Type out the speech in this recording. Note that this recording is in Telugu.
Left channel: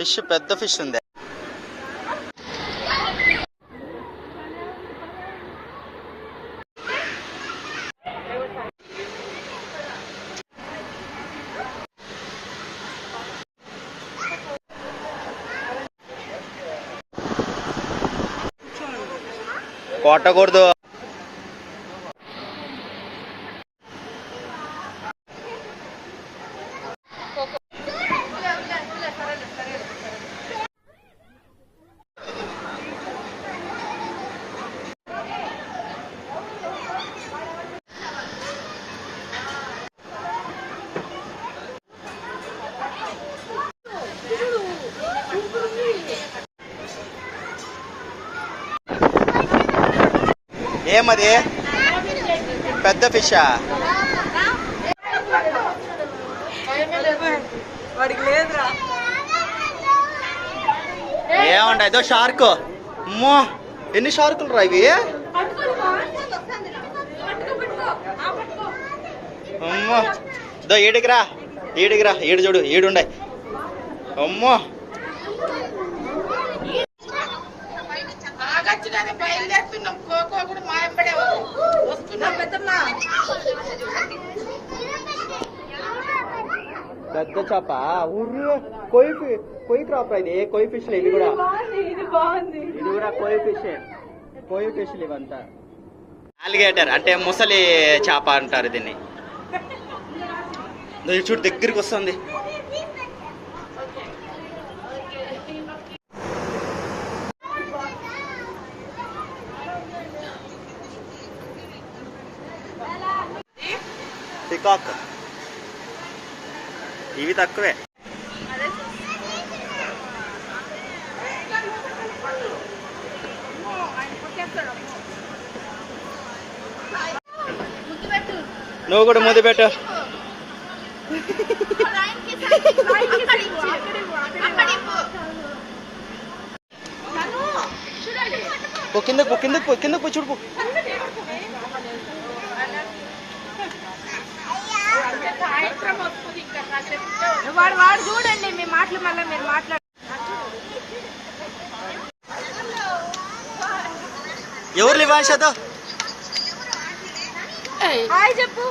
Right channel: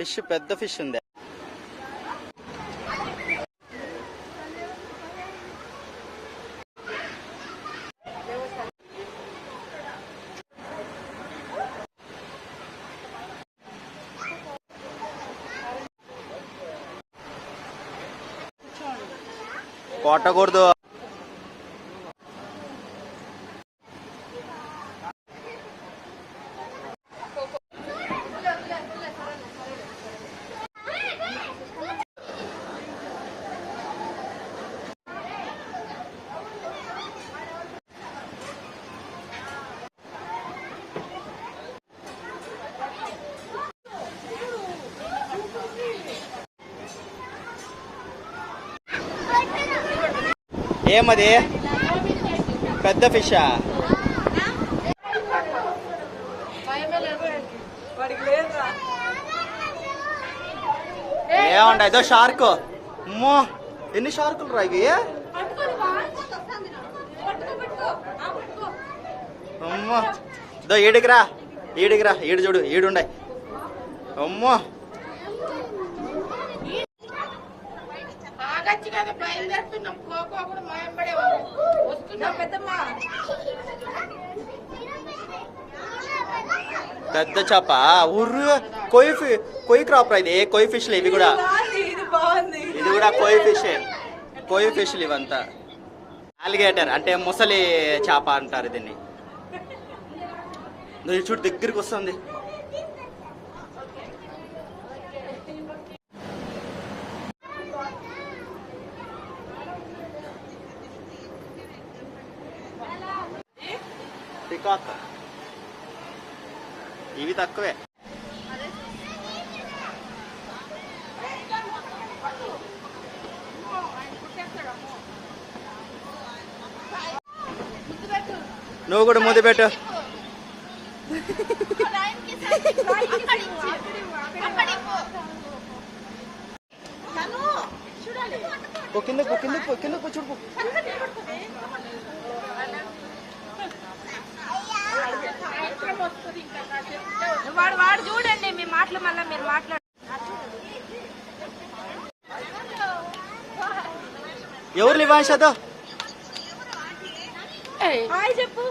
ఫిష్ పెద్ద ఫిష్ ఉంది. కొట్టకూడదు. ఏమది పెద్ద ఫిషా? ఏమంట ఏదో షార్క్. అమ్మో ఎన్ని షార్కులు రా ఇవి. అమ్మో దో ఈడికిరా ఈడికిరా, ఈడు చూడు ఈడుండే. అమ్మో పెద్ద చేప. ఊర్రు కొయ్యి క్రాప్ ఇది. కొయ్యి ఫిష్లు ఇవి కూడా. ఇది కూడా కొయ్యి ఫిష్లు ఇవంతా. ఆలిగేటర్ అంటే ముసలి చేప అంటారు దీన్ని. చూడు దగ్గరికి వస్తుంది. పికాక్ ఇవి తక్కువే. నువ్వు కూడా ముద్దు పెట్టు. కిందకు కిందకు చూడు. వాడు చూడండి మీ మాటలు మళ్ళీ మీరు మాట్లాడు. ఎవరు లివాన్షాతో హాయ్ చెప్పు.